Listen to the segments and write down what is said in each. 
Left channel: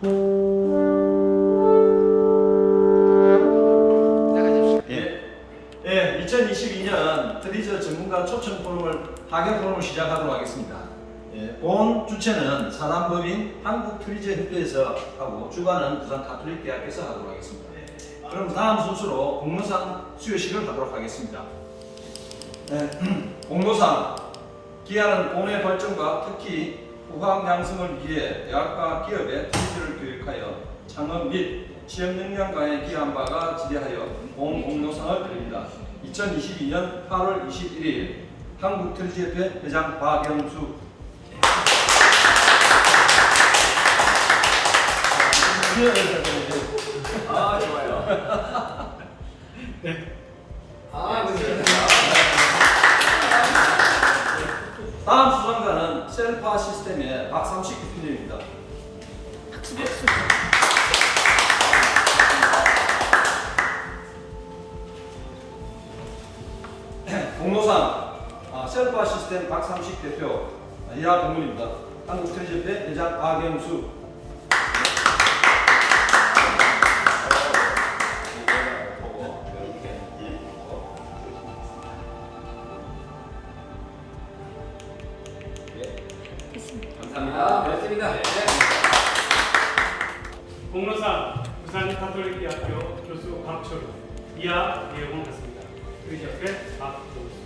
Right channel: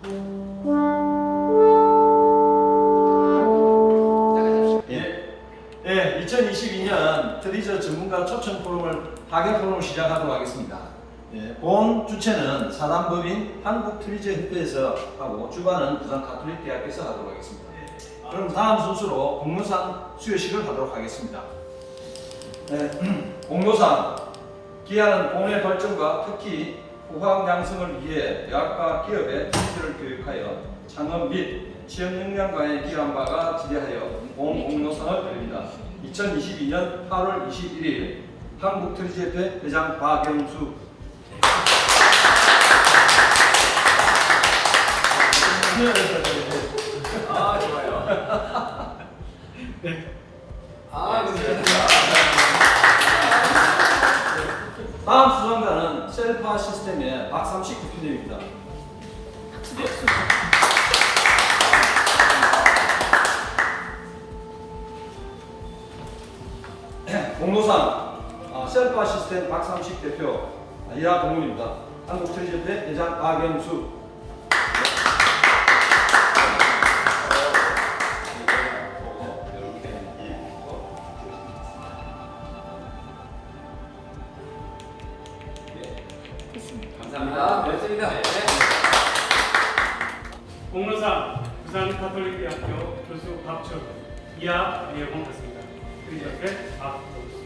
예, 2022년 트리저 전문가 초청 포럼을 파견 포럼을 시작하도록 하겠습니다. 예, 본 주체는 사단법인 한국트리저협회에서 하고 주관은 부산 가톨릭대학에서 하도록 하겠습니다. 그럼 다음 순서로 공로상 수여식을 하도록 하겠습니다. 네, 공로상 기하는 공의 발전과 특히 후학 양성을 위해 대학과 기업의 트리저를 교육하여 창업 및 취업 역량과에 기여한 바가 지대하여 본 공로상을 드립니다. 2022년 8월 21일 한국트리저협회 회장 박영수. 아, 좋아요. 네. 다음 수상자는 셀파 시스템의 박삼식 대표님입니다. 공로상 셀파 시스템 박삼식 대표 이하 동문입니다. 한국트리저협회 회장 박영수. 감사합니다. 고맙습니다. 공로상 부산가톨릭대학교 교수 박철우, 이하 이혜봉 교수입니다. 트리저협회 박정수.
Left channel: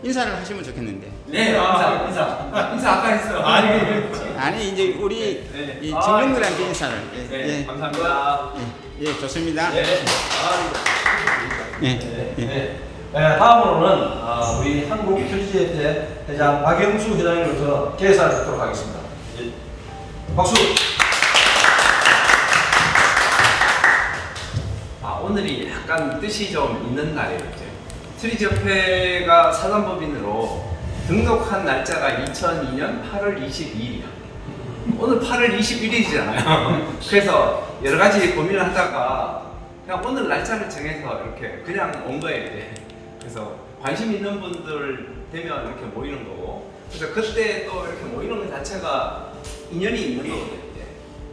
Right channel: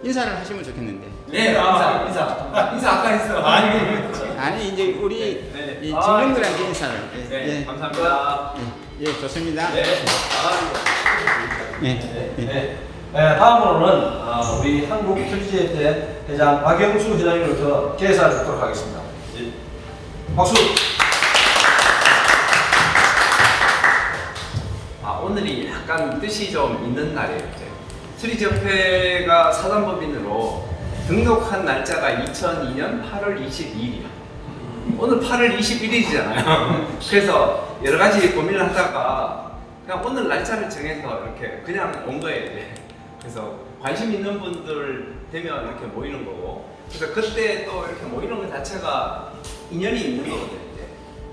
인사를 하시면 좋겠는데. 네, 인사 아까 했어. 아니 이제 우리 네. 이 직원들한테 인사를. 네, 감사합니다. 예, 좋습니다. 네. 다음으로는 우리 한국트리저협회 회장 박영수 회장님으로부터 계산을 듣도록 하겠습니다. 박수. 오늘이 약간 뜻이 좀 있는 날이에요. 트리저협회가 사단법인으로 등록한 날짜가 2002년 8월 22일이야. 오늘 8월 21일이잖아요. 그래서 여러 가지 고민을 하다가 그냥 오늘 날짜를 정해서 이렇게 그냥 온 거예요. 이제. 그래서 관심 있는 분들 되면 이렇게 모이는 거고, 그래서 그때 또 이렇게 모이는 것 자체가 인연이 있는 거거든요. 이제.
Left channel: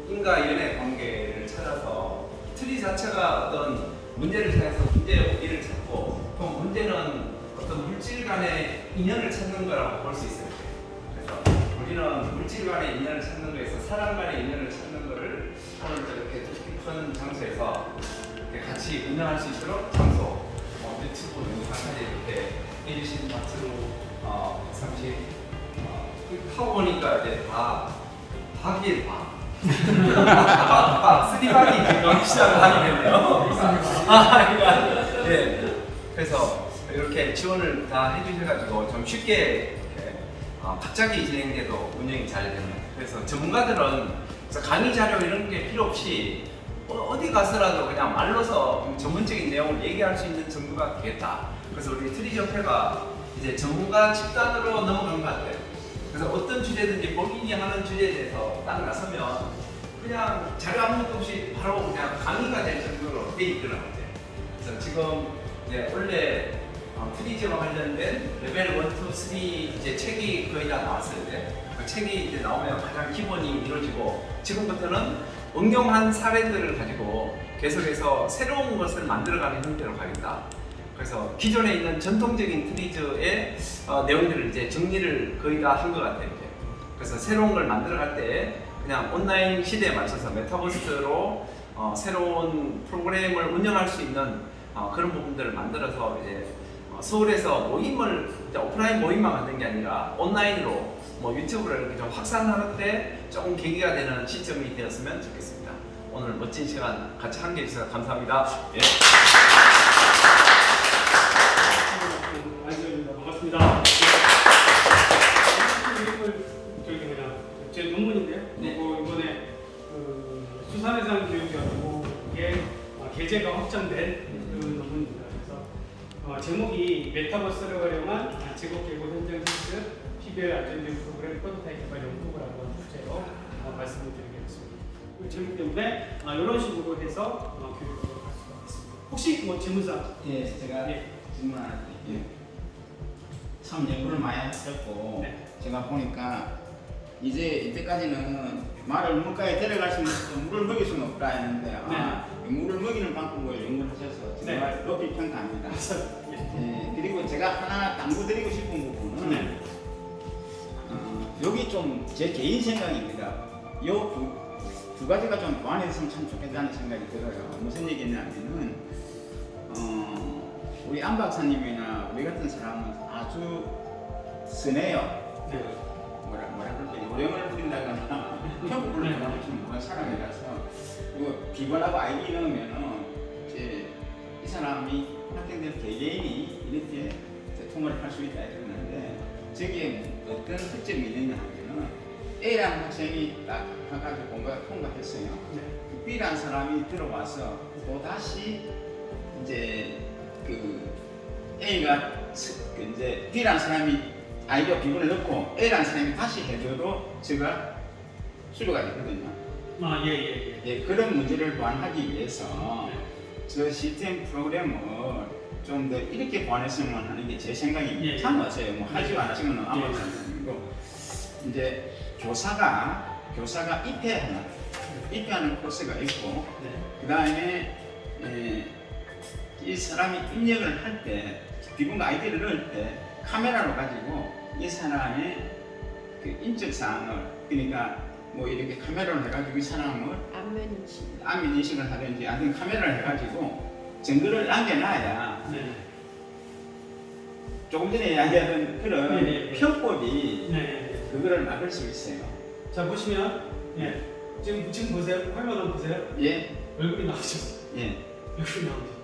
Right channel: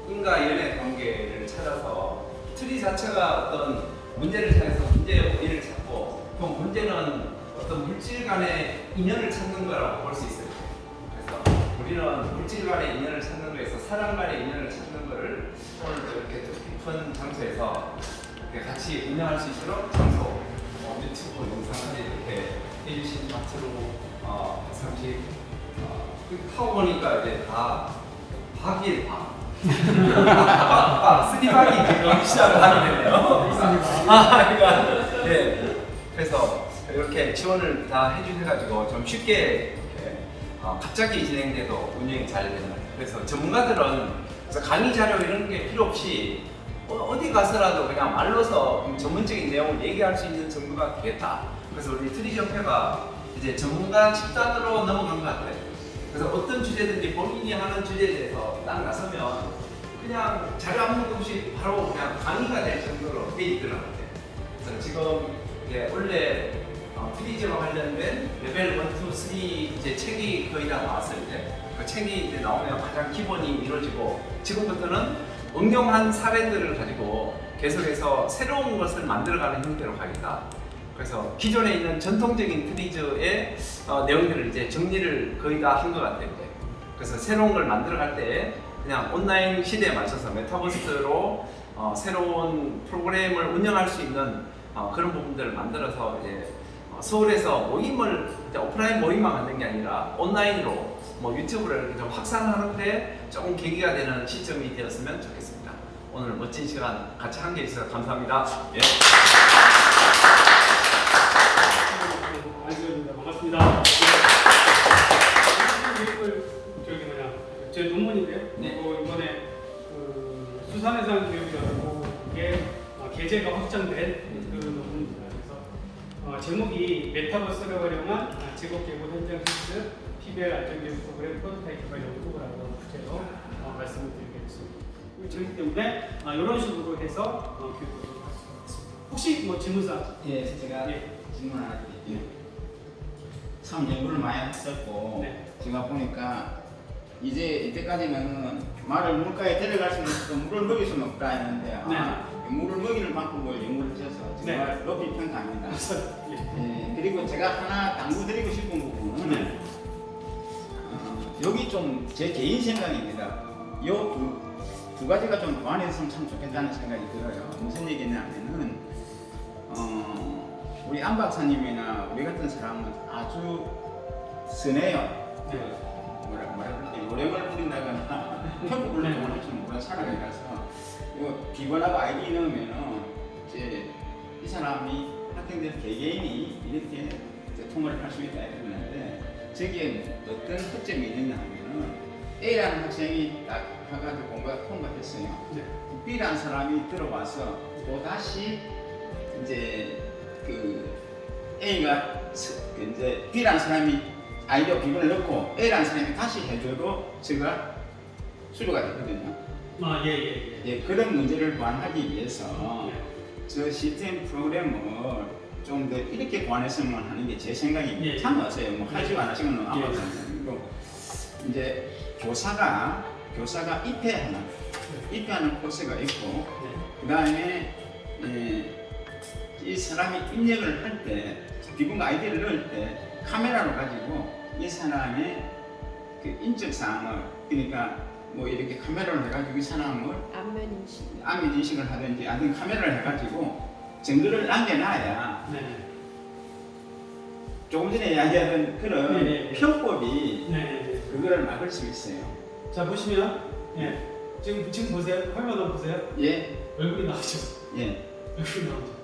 인과 연의 관계를 찾아서 트리 자체가 어떤 문제를 찾아서 문제의 원인을 찾고, 그 문제는 어떤 물질 간의 인연을 찾는 거라고 볼 수 있어요. 그래서 우리는 물질 간의 인연을 찾는 거에서 사람 간의 인연을 찾는 거를 오늘 이렇게 뜻깊은 장소에서 이렇게 같이 운영할 수 있도록 장소, 유튜브 영상을 이렇게 해주신 박수로 상식 파워니까 이제 다 박일 박. 쓰리박이 지금 시작을 하게 됐네요. 네. 그래서 이렇게 지원을 다 해주셔가지고 좀 쉽게 이렇게 갑자기 진행돼도 운영이 잘 되는 것 같아요. 그래서 전문가들은 그래서 강의 자료 이런 게 필요 없이 어디 가서라도 그냥 말로서 좀 전문적인 내용을 얘기할 수 있는 정도가 되겠다. 그래서 우리 트리저협회가 이제 전문가 집단으로 넘어간 것 같아요. 그래서 어떤 주제든지 본인이 하는 주제에 대해서 딱 나서면 그냥 자료 아무것도 없이 바로 그냥 강의가 될 정도로 돼 있더라고요. 그래서 지금 이제 원래 트리저와 관련된 레벨 1, 2, 3 이제 책이 거의 다 나왔어요. 그 책이 이제 나오면 가장 기본이 이루어지고, 지금부터는 응용한 사례들을 가지고 계속해서 새로운 것을 만들어가는 형태로 가겠다. 그래서 기존에 있는 전통적인 트리저의 내용들을 이제 정리를 거의 다 한 것 같아요. 이제. 그래서 새로운 걸 만들어갈 때 그냥 온라인 시대에 맞춰서 메타버스로 새로운 프로그램을 운영할 수 있는 그런 부분들을 만들어서 이제 서울에서 모임을 이제 오프라인 모임만 갖는 게 아니라 온라인으로 뭐 유튜브를 이렇게 좀 확산하는데 조금 계기가 되는 시점이 되었으면 좋겠습니다. 오늘 멋진 시간 같이 함께 해주셔서 감사합니다. 예. 안녕하십니까. 반갑습니다. 제 논문인데요. 네. 그리고 이번에 수산해상 교육연구의 게재가 확정된 그 논문입니다. 그래서 제목이 메타버스를 활용한 직업계고 현장 실습 PBL 안전교육 프로그램 프로토타입 개발 연구라는 주제로 말씀을 드리겠습니다. 그 제목 때문에 이런 식으로 해서 교육을 할 수가 있습니다. 혹시 뭐 질문사항? 예, 제가 질문 하나 드릴게요. 참 연구를 많이 하셨고 네. 제가 보니까 이때까지는 말을 물가에 데려갈 수 있는 물을 먹일 수는 없다 했는데 물을 먹이는 방법을 연구하셔서 정말 높이 평가합니다. 그리고 제가 하나 당부드리고 싶은 부분은 여기 좀 제 개인 생각입니다. 요 두 가지가 좀 보완했으면 참 좋겠다는 생각이 들어요. 무슨 얘기냐면은 우리 안 박사님이나 우리 같은 사람은 아주 선해요. 뭐라 그럴까 요령을 부린다거나 평가를 하는 좀 모르는 사람이라서 그리고 비번하고 아이디 넣으면은 이제 이 사람이 학생들 개개인이 이렇게 통화를 할 수 있다 이러는데 저기에 어떤 특점이 있느냐 하면은 A라는 학생이 딱 가가지고 통과했어요. B라는 사람이 들어와서 또 다시 이제 그 A가 이제 B라는 사람이 아이디어 비번을 넣고 A라는 사람이 다시 해줘도 제가 수료가 되거든요. 예, 그런 문제를 보완하기 위해서 저 시스템 프로그램을 좀 더 이렇게 보완했으면 하는 게 제 생각입니다. 참 맞아요. 뭐 하시고 안 하시면 아무것도 아니고 이제 교사가 입회하는 코스가 있고 그 다음에 이 사람이 입력을 할 때 비번과 아이디를 넣을 때 카메라로 가지고 이 사람의 그 인적 사항을 그러니까 뭐 이렇게 카메라로 해가지고 이 사람을 안면 인식을 하든지 아니면 카메라를 해가지고 증거를 남겨놔야 조금 전에 이야기하던 그런 편법이 그거를 막을 수 있어요. 자 보시면 지금 보세요. 화면 한번 보세요. 얼굴이 나오죠. 얼굴이 나오죠.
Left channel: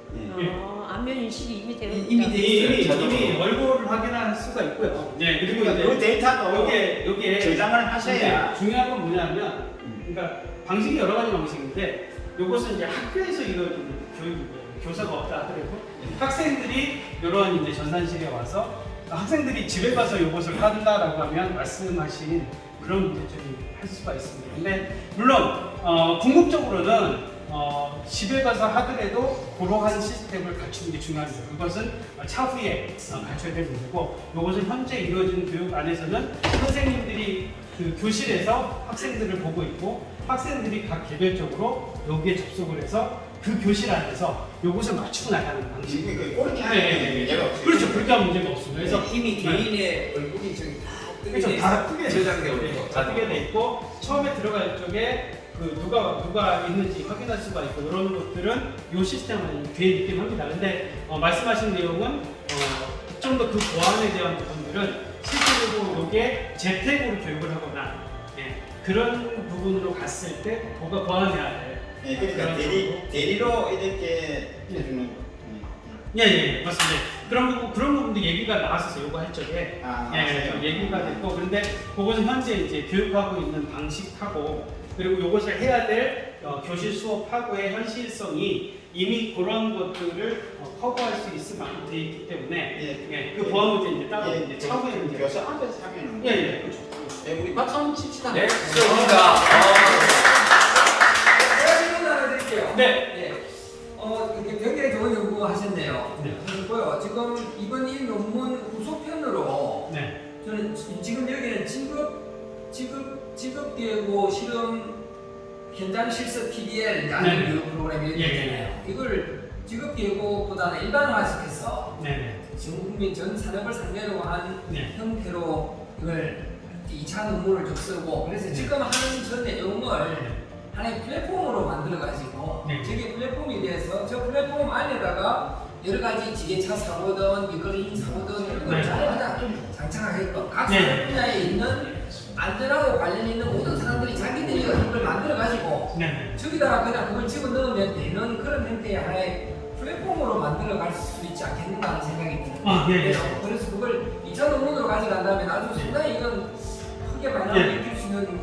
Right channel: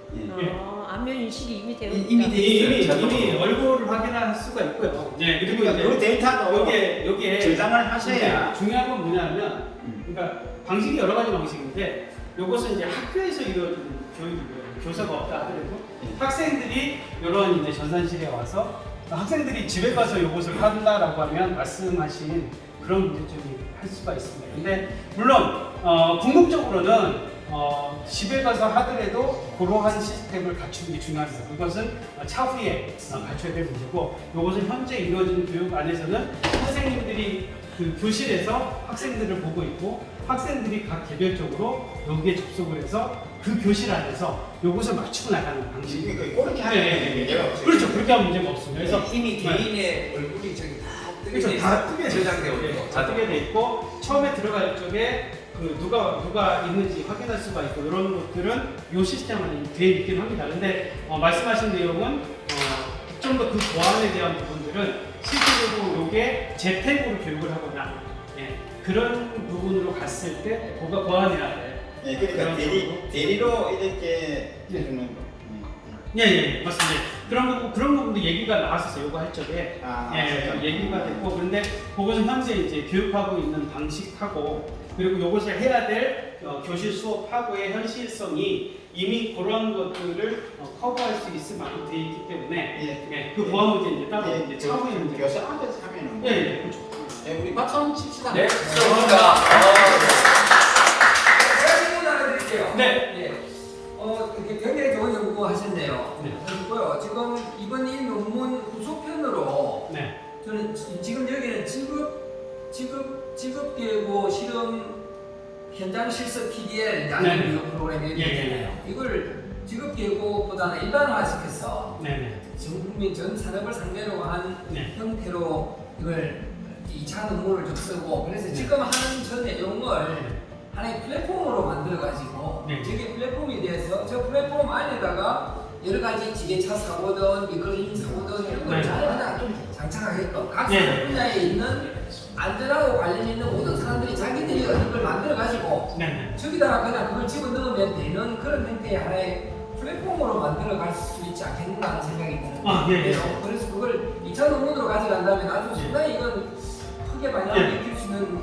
안면 인식이 이미 되어 있다. 이미 얼굴을 확인할 수가 있고요. 그리고 그 데이터도 여기에 저장을 하셔야 중요한 건 뭐냐면 그러니까 방식이 여러 가지 방식인데 이것은 이제 학교에서 이루어지는 교육이고요. 교사가 없다 하더라도 학생들이 이런 이제 전산실에 와서 학생들이 집에 가서 이것을 한다라고 하면 말씀하신 그런 문제점이 할 수가 있습니다. 근데 물론 궁극적으로는 집에 가서 하더라도 그러한 시스템을 갖추는 게 중요합니다. 그것은 차후에 갖춰야 될 문제고 이것은 현재 이루어지는 교육 안에서는 선생님들이 그 교실에서 학생들을 보고 있고 학생들이 각 개별적으로 여기에 접속을 해서 그 교실 안에서 이것을 맞추고 나가는 방식이 그렇게 하면 문제가 없어요. 그렇죠. 그렇게 하면 문제가 없습니다. 그래서 이미 개인의 얼굴이 저기 다 뜨게 저장되어 있고 다 뜨게 돼 있고 처음에 들어갈 적에 그 누가 있는지 확인할 수가 있고 이런 것들은 이 시스템 안에 되어 있긴 합니다. 근데 말씀하신 내용은 좀 더 그 보안에 대한 부분들은 실제로 이게 재택으로 교육을 하거나 그런 부분으로 갔을 때 보완해야 돼. 그러니까 대리로 이렇게 해주는 맞습니다. 그런 부분도 얘기가 나왔었어요. 요거 할 적에 얘기가 됐고 그런데 그것은 현재 이제 교육하고 있는 방식하고 그리고 요것을 해야 될 교실 수업하고의 현실성이 이미 그런 것들을 커버할 수 있을 만큼 되어 있기 때문에 그 보안 문제 이제 따로 이제 차후에 문제. 교사 앞에서 하면은 그렇죠. 우리 박수 한번 칩시다. 좋습니다. 질문 하나 드릴게요. 굉장히 좋은 연구 하셨네요. 그리고요, 지금 이번 이 논문 후속편으로 저는 지금 여기는 직업계고 실험 현장 실습 PBL 교육 프로그램이 있잖아요. 이걸 직업계고보다는 일반화시켜서 전 국민 전 산업을 상대로 한 형태로 이걸 2차 논문을 좀 쓰고 그래서 지금 하는 전 내용을 하나의 플랫폼으로 만들어가지고 저기 플랫폼에 대해서 저 플랫폼 안에다가 여러 가지 지게차 사고든 미끄러짐 사고든 이런 걸 잘 그냥 장착하게끔 각 산업 분야에 있는 안전하고 관련 있는 모든 사람들이 자기들이 이걸 만들어가지고 저기다가 그냥 그걸 집어넣으면 되는 그런 형태의 하나의 플랫폼으로 만들어갈 수 있지 않겠는가 하는 생각이 드는데요. 그래서 그걸 2차 논문으로 가져간다면 아주 상당히 이건 크게 많이 느낄 수 있는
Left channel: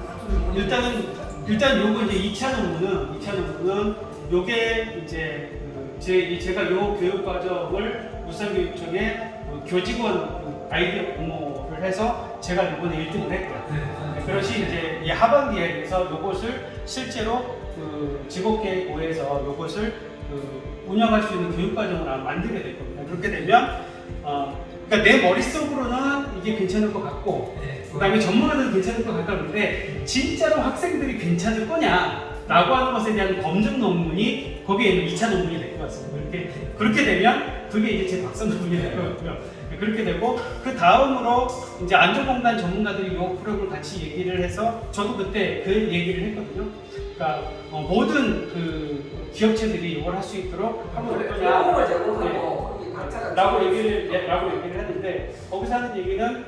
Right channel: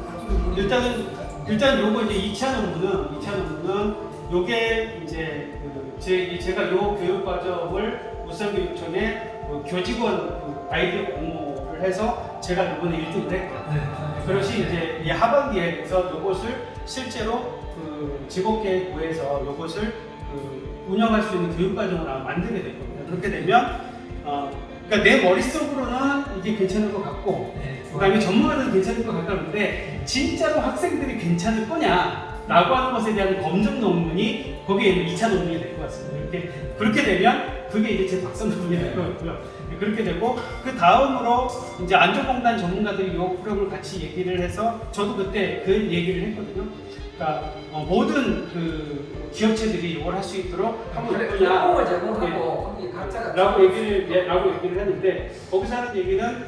일단 요거 이제 2차 논문은 요게 이제 제가 요 교육 과정을 우선교육청에 교직원 아이디어 공모를 해서 제가 이번에 1등을 했고요. 그것이 이제 이 하반기에 그래서 요것을 실제로 그 직업계고에서 요것을 운영할 수 있는 교육과정을 아마 만들게 될 겁니다. 그렇게 되면 그러니까 내 머릿속으로는 이게 괜찮을 것 같고 네. 그다음에 전문가들은 괜찮을 것 같다는데 진짜로 학생들이 괜찮을 거냐라고 하는 것에 대한 검증 논문이 거기에 2차 논문이 될 것 같습니다. 그렇게 되면 그게 이제 제 박사 논문이 될 것 같고요. 그렇게 되고 그 다음으로 이제 안전공단 전문가들이 이 프로그램을 같이 얘기를 해서 저도 그때 그 얘기를 했거든요. 그러니까 모든 그 기업체들이 이걸 할 수 있도록 하면 어떠냐 걸 제공하고 거기 각자가 라고 얘기를 했는데 거기서 하는 얘기는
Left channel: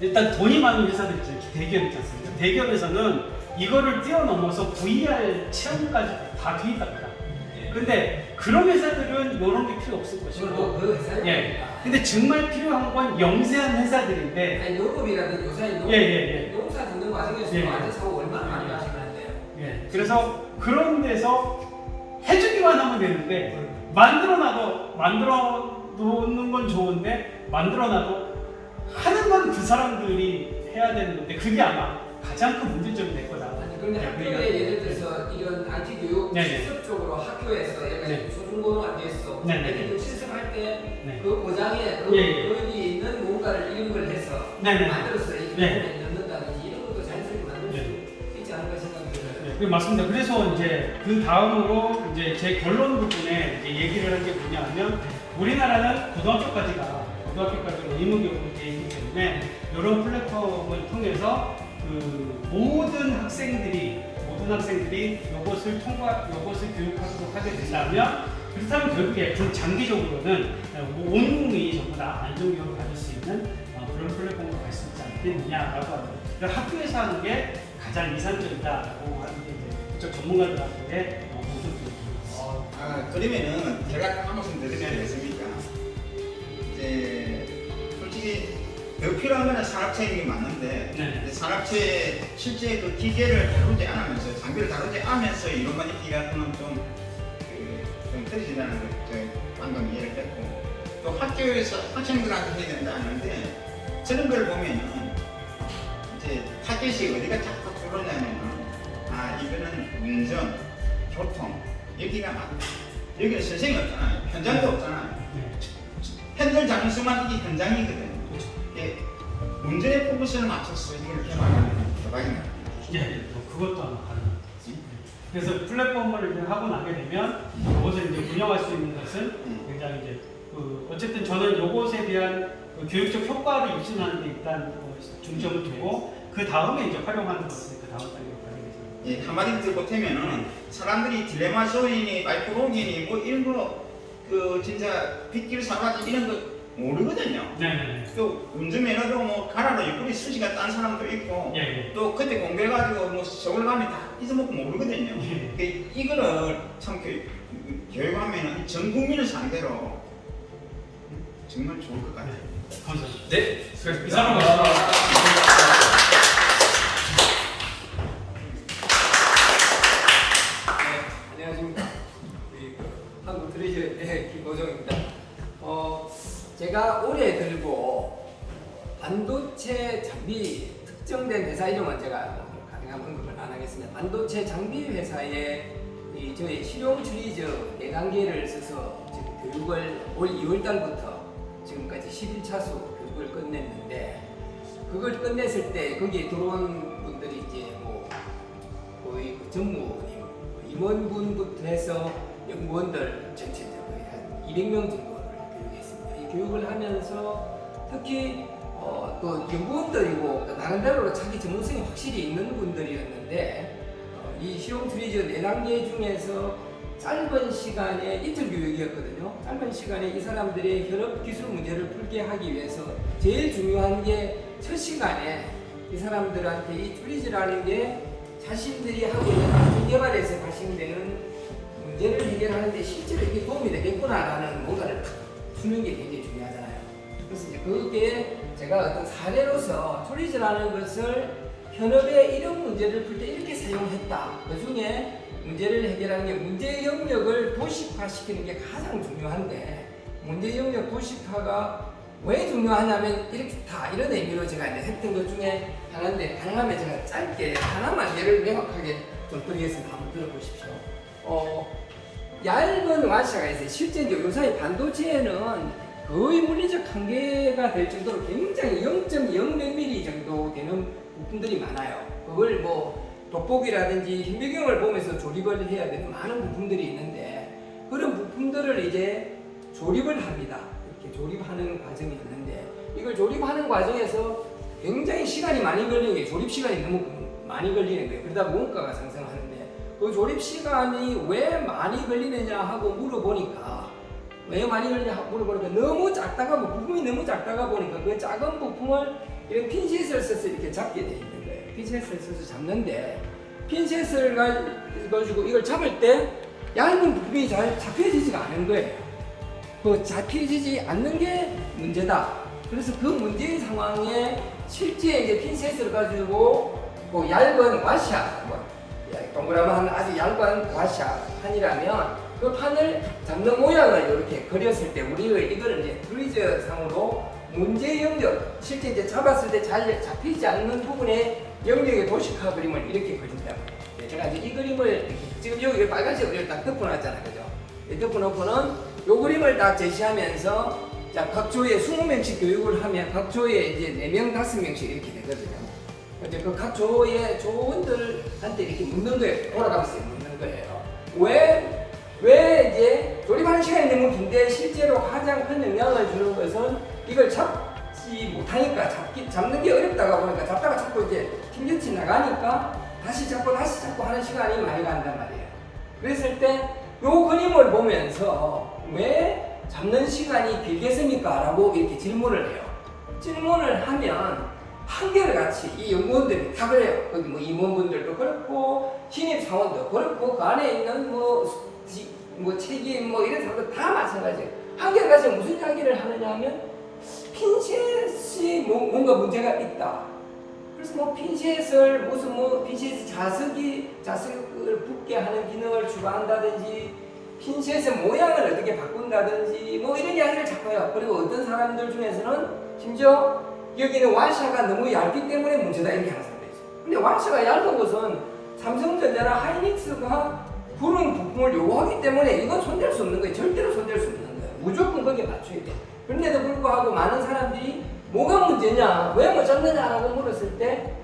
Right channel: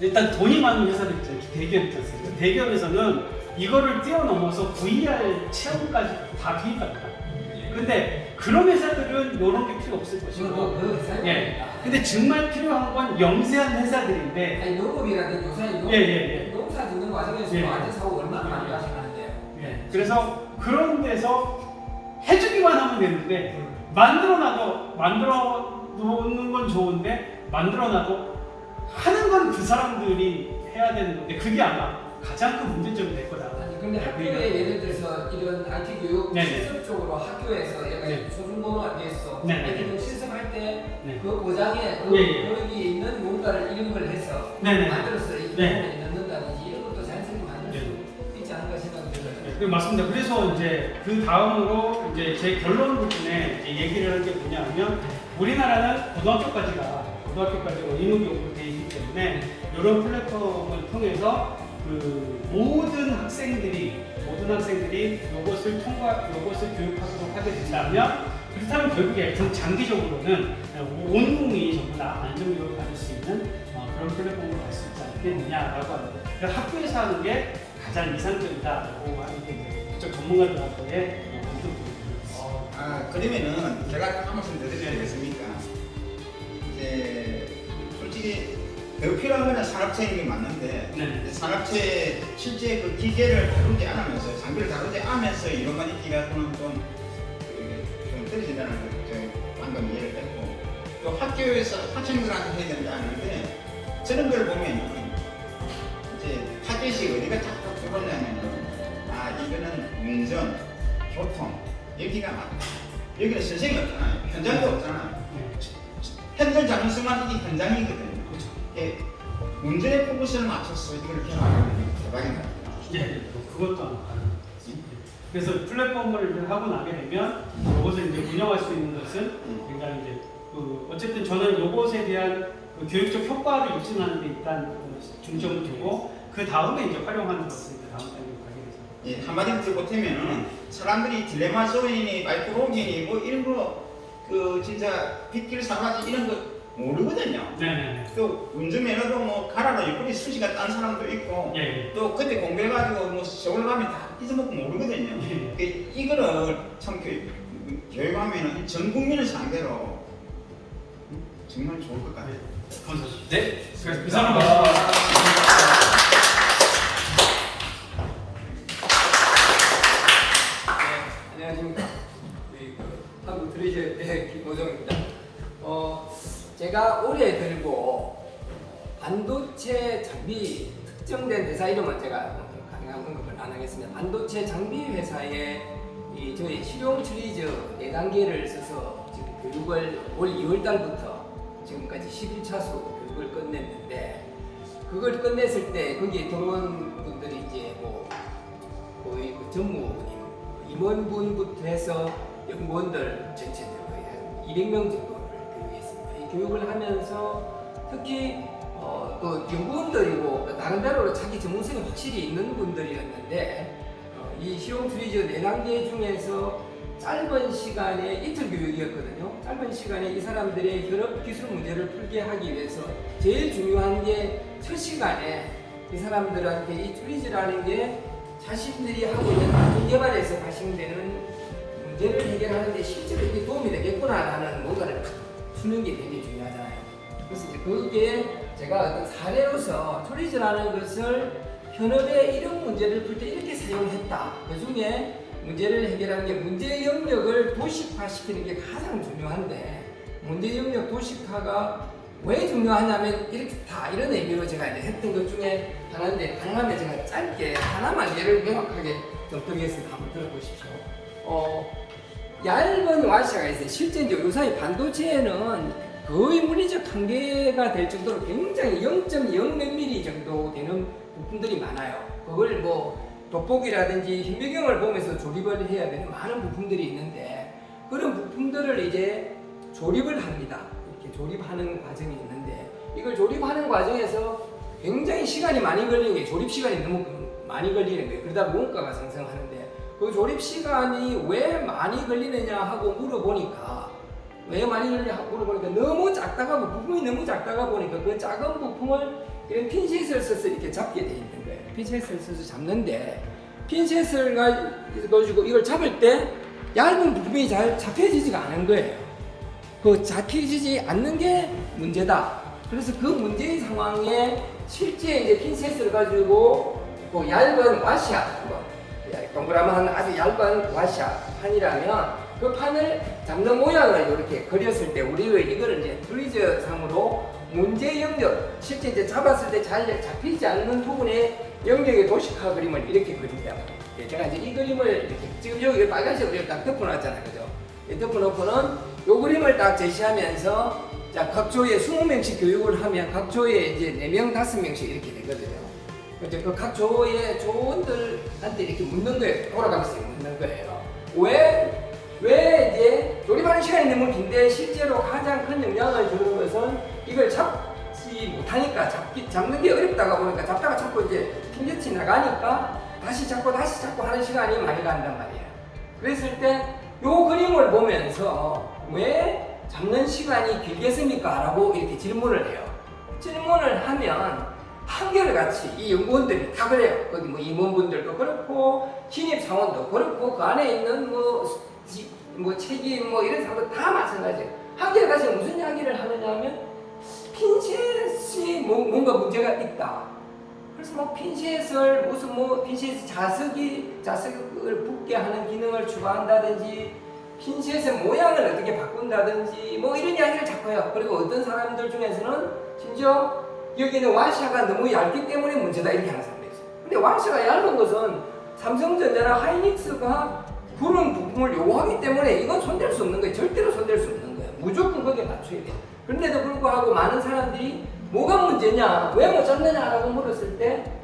일단 돈이 많은 회사들 있잖아요. 대기업 있지 않습니까? 대기업에서는 이거를 뛰어넘어서 VR 체험까지 다 투입합니다. 근데 그런 회사들은 이런 게 필요 없을 것이고 예. 근데 정말 필요한 건 영세한 회사들인데 아니 영업이라든 요새 예. 농사 짓는 과정에서 예. 많은 사고 얼마나 많이 발생하는데요. 예. 그래서 그런 데서 해주기만 하면 되는데 만들어 놓는 건 좋은데 만들어놔도 하는 건 그 사람들이 해야 되는 건데 그게 아마 가장 큰 문제점이 될 거다. 아니 그런데 학교에 예를 들어서 이런 IT 교육 네네. 실습적으로 학교에서 얘가 네. 초중고등학교에서 네네. 실습할 때 네. 그 고장에 거기 있는 뭔가를 이런 걸 해서 네네. 만들어서 이 네. 부분에 넣는다든지 이런 것도 자연스럽게 만들 수 있지 않을까 생각이 들어요. 네, 맞습니다. 그래서 이제 그 다음으로 이제 제 결론 부분에 이제 얘기를 한 게 뭐냐면 우리나라는 고등학교까지가 의무교육이 되기 때문에 이런 플랫폼을 통해서 그 모든 학생들이 이것을 교육하도록 하게 된다면 그렇다면 결국에 좀 장기적으로는 온 국민이 전부 다 안전교육을 받을 수 있는 그런 플랫폼으로 갈 수 있지 않겠느냐라고 하는데 그러니까 학교에서 하는 게 가장 이상적이다라고 하는 게 이제 전문가들한테의 아, 그러면은 제가 딱 한 말씀 드리면 되겠습니까? 이제 솔직히 더 필요한 건 산업체인 게 맞는데 네. 이제 산업체에 실제 그 기계를 다루지 않으면서 장비를 다루지 않으면서 이론만 익히가 그는 좀 떨어진다는 걸 방금 이해를 했고 또 학교에서 학생들한테 해야 된다는데 저런 걸 보면은 이제 타겟이 어디가 자꾸 들어오냐면은 이거는 운전, 교통 여기가 맞다. 여기는 선생이 없잖아요. 현장도 없잖아요. 현장 자율성만 이게 현장이거든요. 운전의 포커스를 맞춰서 이걸 개발하는 대박입니다. 예, 그것도 하나 가능합니다. 그래서 플랫폼을 이제 하고 나게 되면 이것을 이제 운영할 수 있는 것은 굉장히 이제 어쨌든 저는 이것에 대한 교육적 효과를 입증하는 데 일단 중점을 두고 그 다음에 이제 활용하는 것을 그 다음 단계로 가게 되죠. 예, 한마디로 더 보태면은 사람들이 딜레마 소인이 마이크로긴이 뭐 이런 거 그 진짜 빗길 사과지 이런 거 모르거든요. 네. 또 운전면허도 뭐 가라로 옆구리 수시가 딴 사람도 있고 예. 또 그때 공부해가지고 뭐 서울 가면 다 잊어먹고 모르거든요. 예. 이거를 참 교육하면 전 국민을 상대로 정말 좋을 것 같아요. 감사합니다. 네, 이상으로 안녕하십니까. 우리 한국 트리저의 김호정입니다. 제가 올해 들고 반도체 장비 특정된 회사 이름은 제가 가능한 언급을 안 하겠습니다. 반도체 장비 회사에 저희 실용 트리저 4단계를 써서 지금 교육을 올 2월 달부터 지금까지 11차수 교육을 끝냈는데 그걸 끝냈을 때 거기에 들어온 분들이 이제 뭐 거의 그 전무님 임원분부터 해서 연구원들 전체적으로 거의 한 200명 정도를 교육했습니다. 이 교육을 하면서 특히 또 연구원들이고 나름대로 자기 전문성이 확실히 있는 분들이었는데 이 실용 트리저 4단계 중에서 짧은 시간에 이틀 교육이었거든요. 짧은 시간에 이 사람들의 현업 기술 문제를 풀게 하기 위해서 제일 중요한 게 첫 시간에 이 사람들한테 이 트리저라는 게 자신들이 하고 있는 학문 개발에서 발생되는 문제를 해결하는 데 실제로 이게 도움이 되겠구나라는 뭔가를 주는 게 굉장히 중요하잖아요. 그래서 이제 그게 제가 어떤 사례로서 트리저라는 것을 현업에 이런 문제를 풀 때 이렇게 사용했다. 그 중에 문제를 해결하는 게 문제 영역을 도식화시키는 게 가장 중요한데 문제 영역 도식화가 왜 중요하냐면 이렇게 다 이런 의미로 제가 이제 했던 것 중에 하나인데 가능하면 제가 짧게 하나만 예를 명확하게 좀 드리겠습니다. 한번 들어보십시오. 얇은 와샤가 있어요. 실제 이제 요사이 반도체에는 거의 물리적 한계가 될 정도로 굉장히 0.0 몇 미리 정도 되는 부품들이 많아요. 그걸 뭐 돋보기라든지 현미경을 보면서 조립을 해야 되는 많은 부품들이 있는데 그런 부품들을 이제 조립을 합니다. 이렇게 조립하는 과정이 있는데 이걸 조립하는 과정에서 굉장히 시간이 많이 걸리는 게 조립 시간이 너무 많이 걸리는 거예요. 그러다 원가가 상승하는데 그 조립 시간이 왜 많이 걸리느냐 하고 물어보니까 왜 많이 걸리냐 하고 물어보니까 너무 작다가 부품이 너무 작다가 보니까 그 작은 부품을 이런 핀셋을 써서 이렇게 잡게 돼 있는 거예요. 핀셋을 써서 잡는데 핀셋을 가지고 이걸 잡을 때 얇은 부품이 잘 잡혀지지가 않은 거예요. 그 잡혀지지 않는 게 문제다. 그래서 그 문제의 상황에 실제 이제 핀셋을 가지고 그 얇은 와샤, 동그라미 아주 얇은 와샤 판이라면 그 판을 잡는 모양을 이렇게 그렸을 때 우리가 이거를 이제 트리저 상으로 문제 영역, 실제 이제 잡았을 때 잘 잡히지 않는 부분에 영역의 도식화 그림을 이렇게 그린다. 제가 이제 이 그림을 이렇게 지금 여기 빨간색으로 딱 덮어놨잖아요, 그죠? 이 덮어놓고는 이 그림을 딱 제시하면서 자, 각 조에 20명씩 교육을 하면 각 조에 이제 4명, 5명씩 이렇게 되거든요. 이제 그 각 조의 조원들한테 이렇게 묻는 거예요. 돌아가면서 묻는 거예요. 왜 이제 조립하는 시간이 너무 긴데 실제로 가장 큰 영향을 주는 것은 이걸 잡지 못하니까 잡는 게 어렵다가 보니까 잡다가 자꾸 이제 핀get이 나가니까 다시 잡고 하는 시간이 많이 간단 말이에요. 그랬을 때 요 그림을 보면서 왜 잡는 시간이 길겠습니까? 라고 이렇게 질문을 해요. 질문을 하면 한결같이 이 연구원들이 다 그래요. 거기 뭐 임원분들도 그렇고 신입사원도 그렇고 그 안에 있는 뭐 책임 뭐 이런 사람도 다 마찬가지예요. 한결같이 무슨 이야기를 하느냐 하면 핀셋이 뭔가 문제가 있다. 그래서 뭐 핀셋을 무슨 뭐 핀셋 자석을 붙게 하는 기능을 추가한다든지 핀셋의 모양을 어떻게 바꾼다든지 뭐 이런 이야기를 자꾸 해요. 그리고 어떤 사람들 중에서는 심지어 여기는 와샤가 너무 얇기 때문에 문제다 이렇게 하는 사람도 있어요. 근데 와샤가 얇은 것은 삼성전자나 하이닉스가 그런 부품을 요구하기 때문에 이건 손댈 수 없는 거예요. 절대로 손댈 수 없는 거예요. 무조건 거기에 맞춰야 돼요. 그런데도 불구하고 많은 사람들이 뭐가 문제냐, 왜 못 잡느냐라고 물었을 때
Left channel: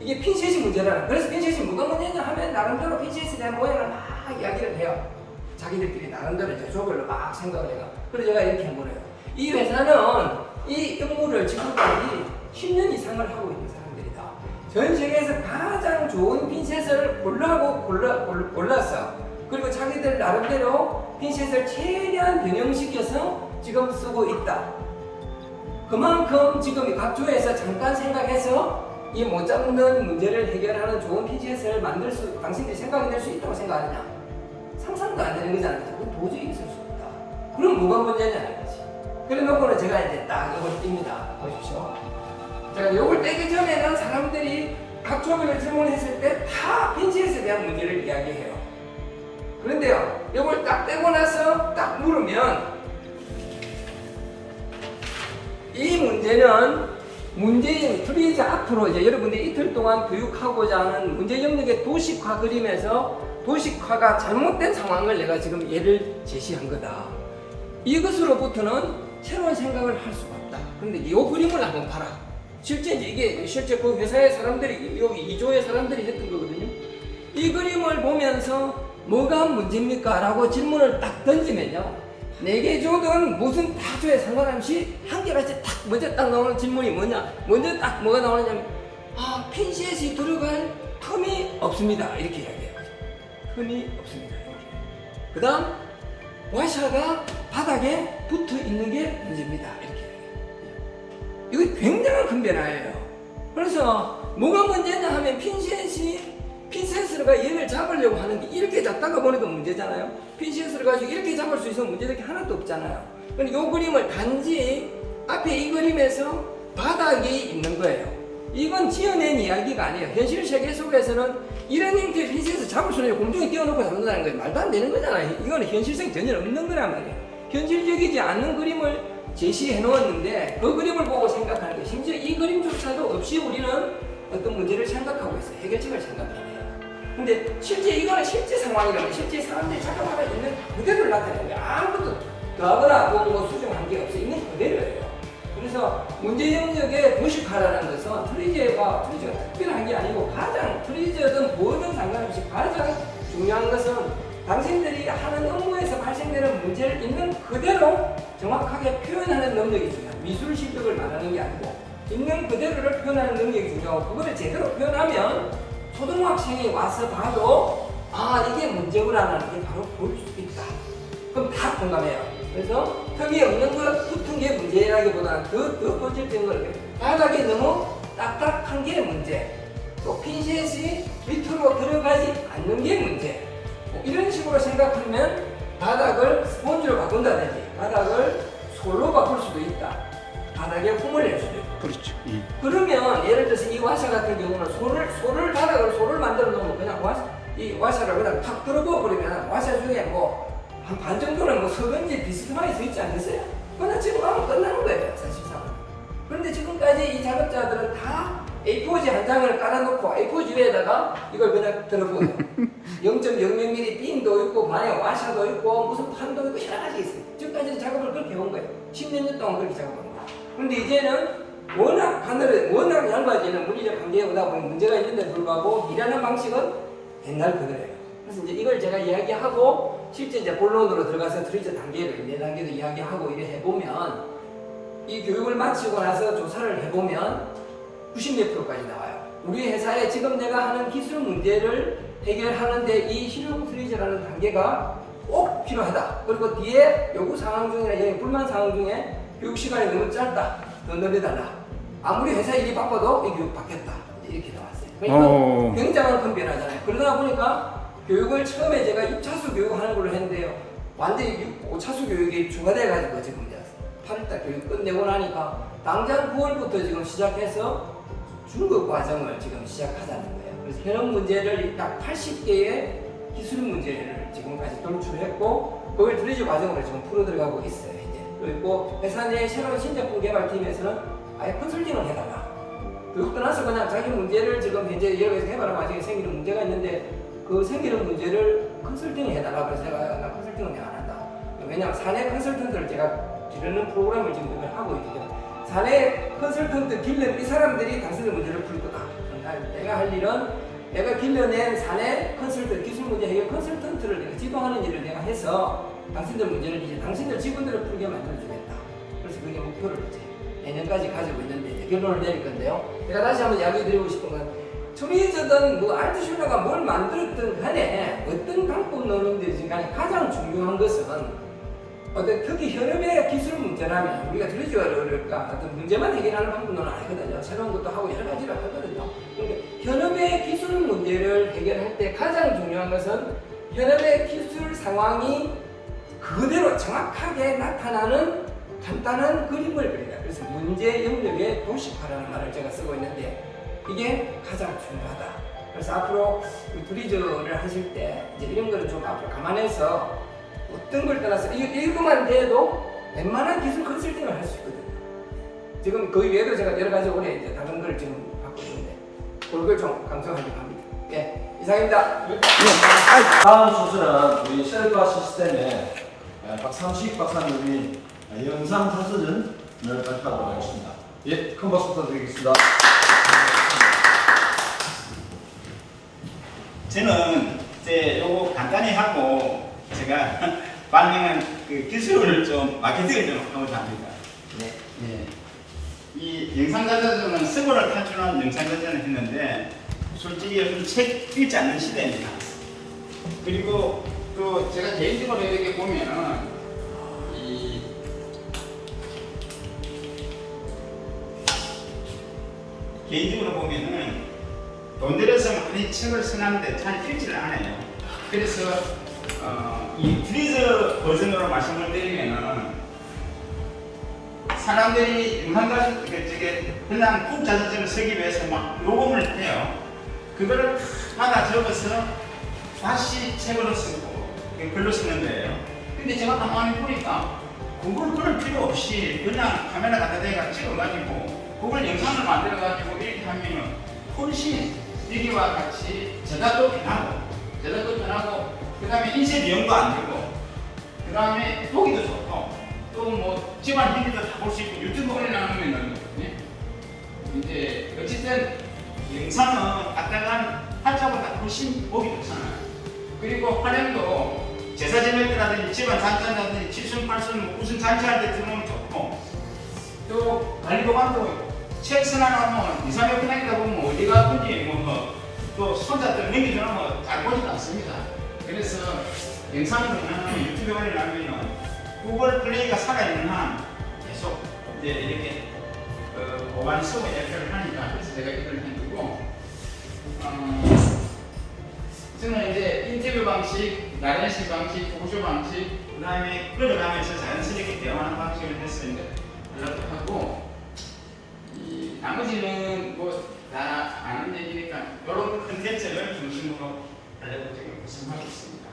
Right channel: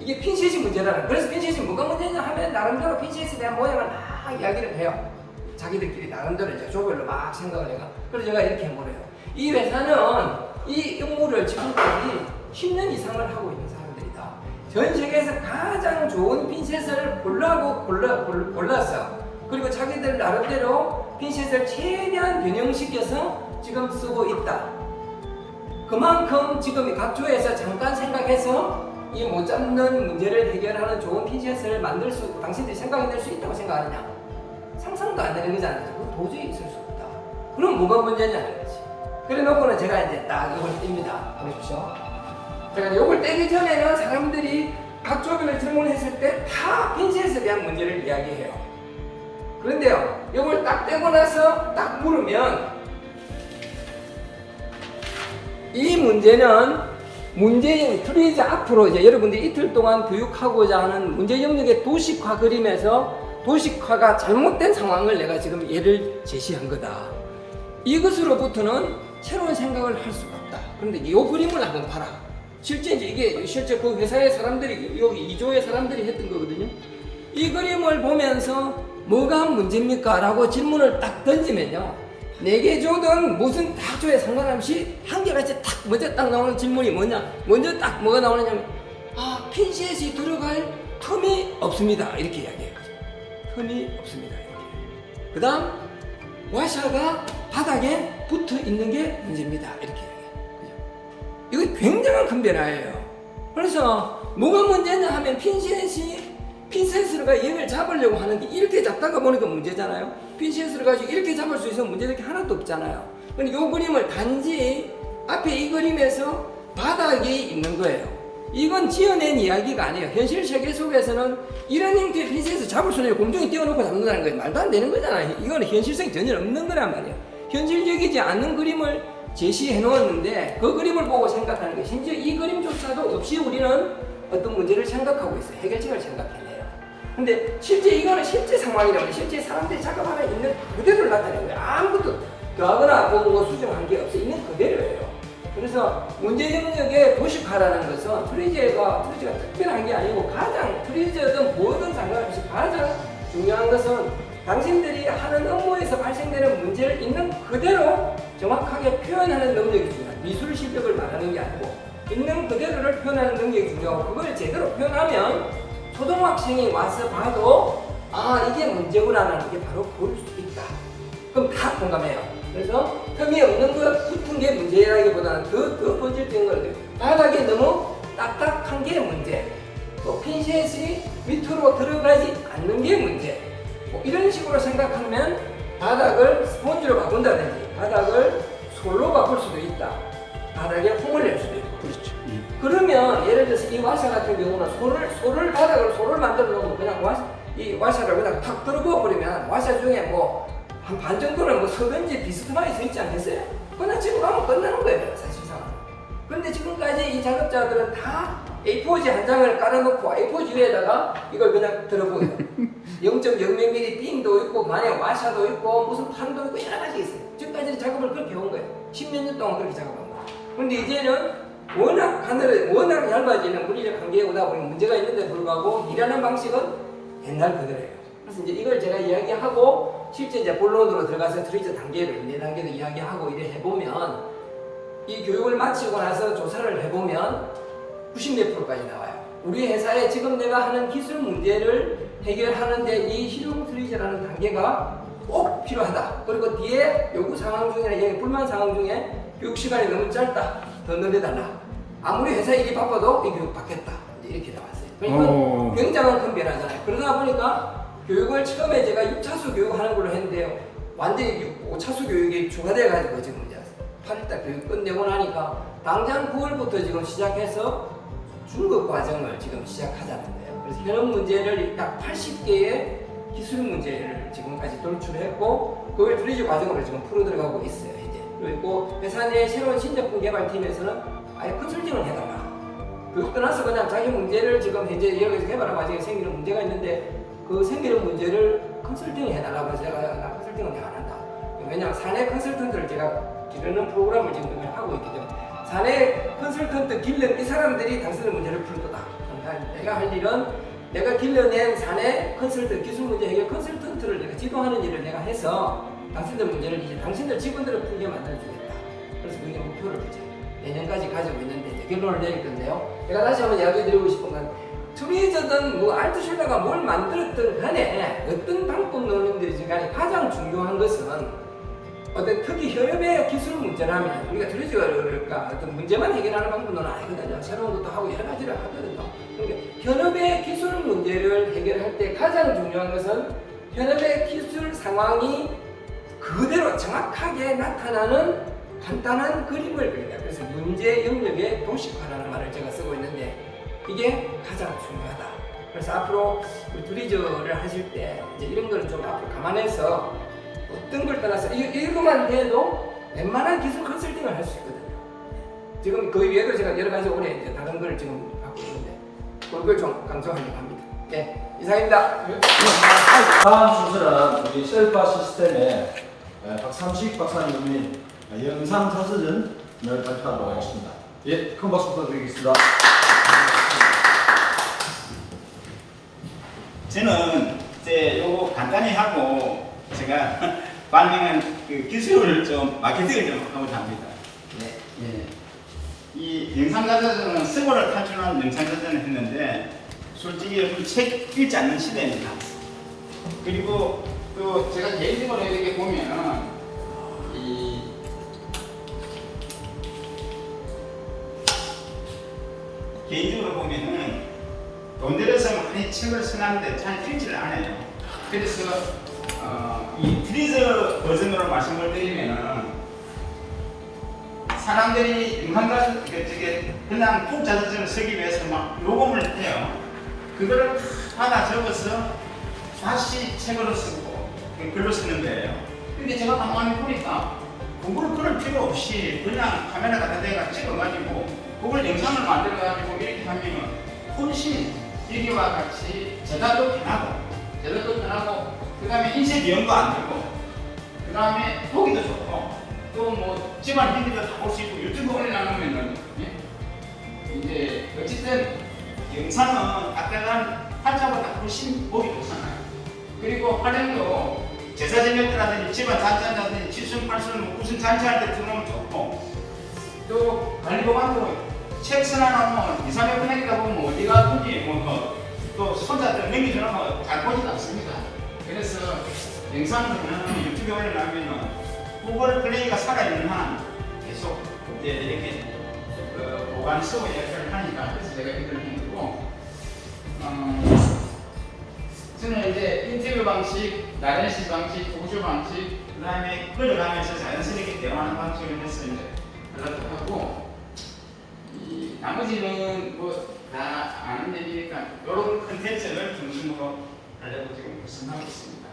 이게 핀셋이 문제라는 거예요. 그래서 핀셋이 뭐가 문제냐 하면 나름대로 핀셋에 대한 모양을 막 이야기를 해요. 자기들끼리 나름대로 이제 조별로 막 생각을 해요. 그래서 제가 이렇게 물어요. 이 회사는 이 업무를 지금까지 10년 이상을 하고 있는 사람들이다. 전 세계에서 가장 좋은 핀셋을 골랐어. 그리고 자기들 나름대로 핀셋을 최대한 변형시켜서 지금 쓰고 있다. 그만큼 지금 각 조에서 잠깐 생각해서 이 못 잡는 문제를 해결하는 좋은 핀셋을 당신들이 생각해낼 수 있다고 생각하느냐? 상상도 안 되는 거잖아요. 그건 도저히 있을 수 없다. 그럼 뭐가 문제냐는 거지. 그래 놓고는 제가 이제 딱 이걸 띱니다. 보십시오. 제가 이걸 떼기 전에는 사람들이 각 조별로 질문했을 때 다 핀셋에 대한 문제를 이야기해요. 그런데요, 이걸 딱 떼고 나서 딱 물으면 이 문제인 트리저 앞으로 이제 여러분들이 이틀 동안 교육하고자 하는 문제 영역의 도식화 그림에서 도식화가 잘못된 상황을 내가 지금 예를 제시한 거다. 이것으로부터는 새로운 생각을 할 수가 없다. 그런데 이 그림을 한번 봐라. 실제 이게 실제 그 회사의 사람들이 여기 2조의 사람들이 했던 거거든요. 이 그림을 보면서 뭐가 문제입니까? 라고 질문을 딱 던지면요. 4개 조든 무슨 다 조에 상관없이 한결같이 딱 먼저 딱 나오는 질문이 뭐냐? 먼저 딱 뭐가 나오느냐면 핀셋이 들어갈 틈이 없습니다. 이렇게 이야기해요. 틈이 없습니다. 이렇게. 그 다음 와샤가 바닥에 붙어 있는 게 문제입니다. 이렇게 이야기해요. 이거 굉장한 큰 변화예요. 그래서 뭐가 문제냐 하면 핀셋을 얘를 잡으려고 하는데 이렇게 잡다가 보니까 문제잖아요. 핀셋을 가지고 이렇게 잡을 수 있으면 문제될 게 하나도 없잖아요. 근데 이 그림을 단지 앞에 이 그림에서 바닥이 있는 거예요. 이건 지어낸 이야기가 아니에요. 현실 세계 속에서는 이런 형태의 핀셋을 잡을 수는 없고 공중에 띄워놓고 잡는다는 거예요. 말도 안 되는 거잖아요. 이거는 현실성이 전혀 없는 거란 말이에요. 현실적이지 않는 그림을 제시해 놓았는데 그 그림을 보고 생각하는 거예요. 심지어 이 그림조차도 없이 우리는 어떤 문제를 생각하고 있어요. 해결책을 생각해내요. 근데 실제 이거는 실제 상황이라면 실제 사람들이 작업하고 있는 그대로를 나타내는 거예요. 아무것도 더하거나 뭐 수정한 게 없어요. 있는 그대로예요. 그래서 문제 영역의 도식화라는 것은 트리저가 특별한 게 아니고 가장 트리저든 뭐든 상관없이 가장 중요한 것은 당신들이 하는 업무에서 발생되는 문제를 있는 그대로 정확하게 표현하는 능력이 중요해요. 미술 실력을 말하는 게 아니고 있는 그대로를 표현하는 능력이 중요하고 그걸 제대로 표현하면 초등학생이 와서 봐도 아 이게 문제구나라는 게 바로 볼 수 있다. 그럼 다 공감해요. 그래서 틈이 없는 것 붙은 게 문제라기보다는 더 본질적인 걸 바닥이 너무 딱딱한 게 문제, 또 핀셋이 밑으로 들어가지 않는 게 문제. 뭐 이런 식으로 생각하면 바닥을 스폰지로 바꾼다든지 바닥을 솔로 바꿀 수도 있다. 바닥에 홈을 낼 수도 있고. 그렇죠. 그러면 예를 들어서 이 와샤 같은 경우는 솔을 만들어 놓으면 그냥 이 와샤를 그냥 탁 들어부어 버리면 와샤 중에 뭐 한 반 정도는 뭐 서변지 비스듬하게 서 있지 않겠어요? 그냥 집어 가면 끝나는 거예요, 사실상. 그런데 지금까지 이 작업자들은 다 A4지 한 장을 깔아놓고 A4지 위에다가 이걸 그냥 들어보여요. 0.00mm 빙도 있고 반에 와샤도 있고 무슨 판도 있고 여러 가지 있어요. 지금까지는 작업을 그렇게 해온 거예요. 10몇 년 동안 그렇게 작업한 거예요. 그런데 이제는 워낙 얇아지는 물리적 한계에 오다 보니 문제가 있는데 불구하고 일하는 방식은 옛날 그대로예요. 그래서 이제 이걸 제가 이야기하고 실제 이제 본론으로 들어가서 트리저 단계를 4단계도 이야기하고 이래 해보면 이 교육을 마치고 나서 조사를 해보면 90몇 프로까지 나와요. 우리 회사에 지금 내가 하는 기술 문제를 해결하는데 이 실용 트리저라는 단계가 꼭 필요하다. 그리고 뒤에 요구 상황 중에 불만 상황 중에 교육 시간이 너무 짧다. 더 늘려달라. 아무리 회사 일이 바빠도 이 교육 받겠다. 이렇게 나왔어요. 그러니까 굉장한 큰 변화잖아요. 그러다 보니까 교육을 처음에 제가 6차수 교육하는 걸로 했는데요. 완전히 5차수 교육이 추가돼가지고 지금 이제 8일달 교육 끝내고 나니까 당장 9월부터 지금 시작해서 중급 과정을 지금 시작하자는 거예요. 그래서 현업 문제를 약 80개의 기술 문제를 지금까지 돌출했고 그걸 트리저 과정으로 지금 풀어 들어가고 있어요. 이제 그리고 회사 내 새로운 신제품 개발팀에서는 아예 컨설팅을 해달라. 교육 떠나서 그냥 자기 문제를 지금 현재 여기서 개발한 과정에 생기는 문제가 있는데 그 생기는 문제를 컨설팅을 해달라고 그래서 내가 나 컨설팅은 안 한다. 왜냐하면 사내 컨설턴트를 제가 기르는 프로그램을 지금 이걸 하고 있기 때문에 사내 컨설턴트 길른 이 사람들이 당신의 문제를 풀 거다. 내가 할 일은 내가 길러낸 사내 컨설턴트 기술 문제 해결 컨설턴트를 내가 지도하는 일을 내가 해서 당신들 문제를 이제 당신들 직원들을 풀게 만들어주겠다. 그래서 그게 목표를 이제 내년까지 가지고 있는데 이제 결론을 내릴 건데요. 제가 다시 한번 이야기 드리고 싶은 건 트리저든 뭐 알트슐러가 뭘 만들었든 간에 어떤 방법 논의든지 간에 가장 중요한 것은 어떤 특히 현업의 기술 문제라면 우리가 트리저가 어떤 문제만 해결하는 방법은 아니거든요. 새로운 것도 하고 여러 가지를 하거든요. 그러니까 현업의 기술 문제를 해결할 때 가장 중요한 것은 현업의 기술 상황이 그대로 정확하게 나타나는 간단한 그림을 그린다. 그래서 문제 영역의 도식화라는 말을 제가 쓰고 있는데 이게 가장 중요하다. 그래서 앞으로 트리저를 하실 때 이제 이런 거를 좀 앞으로 감안해서 어떤 걸 떠나서 이거만 돼도 웬만한 기술 컨설팅을 할 수 있거든요. 지금 그 외에도 제가 여러 가지 올해 이제 다른 걸 지금 하고 있는데 그걸 좀 강조하려고 합니다. 네, 이상입니다. 다음 순서는 우리 셀파 시스템의 박삼식 박사님이 영상 서서전을 발표하도록 하겠습니다. 예, 큰 박수 부탁드리겠습니다. 저는 이제 요거 간단히 하고 제가 반응은 그 기술을 좀 마케팅을 좀 하고자 합니다. 네. 이 영상자전은 스고를 탈출한 영상자전을 했는데 솔직히 요즘 책 읽지 않는 시대입니다. 그리고 또 제가 개인적으로 이렇게 보면은 이 개인적으로 보면은 돈 들여서 많이 책을 써놨는데 잘 읽지를 않아요. 그래서 이 트리저 버전으로 말씀을 드리면은 사람들이 영상자전 그냥 푹자전을 쓰기 위해서 막 요금을 해요. 그거를 받아 적어서 다시 책으로 쓰고 글로 쓰는 거예요. 근데 제가 가만히 보니까 그걸 그럴 필요 없이 그냥 카메라 갖다 대가 찍어가지고 그걸 영상을 만들어가지고 이렇게 하면은 훨씬 여기와 같이 제작도 편하고 그 다음에 인쇄 비용도 안 들고 그 다음에 보기도 좋고 또 뭐 집안 일기도 다 볼 수 있고 유튜브 올려놓으면은 예? 이제 어쨌든 영상은 딱딱한 활자보다 훨씬 보기 좋잖아요. 그리고 활용도 제사 지낼 때라든지 집안 잔치한다든지 칠순팔순 뭐 무슨 잔치할 때 들어오면 좋고 또 관리 보관도 책 써놔놓으면 2, 3일 끝나기다 보면 어디 가든지 또 손자들 넘기주면 잘 보지도 않습니다. 그래서 영상으로 그냥 유튜브에 올려놓으면 구글 플레이가 살아있는 한 계속 이제 이렇게 보관 서버 역할을 하니까 그래서 제가 이걸 힘들고 저는 이제 인터뷰 방식, 나레이션 방식, 고조 방식, 그 다음에 끌어가면서 자연스럽게 대화하는 방식을 해서 이제 하려고 하고 이 나머지는 뭐 다 아는 얘기니까 이런 컨텐츠를 중심으로 하려고 지금 구성하고 있습니다.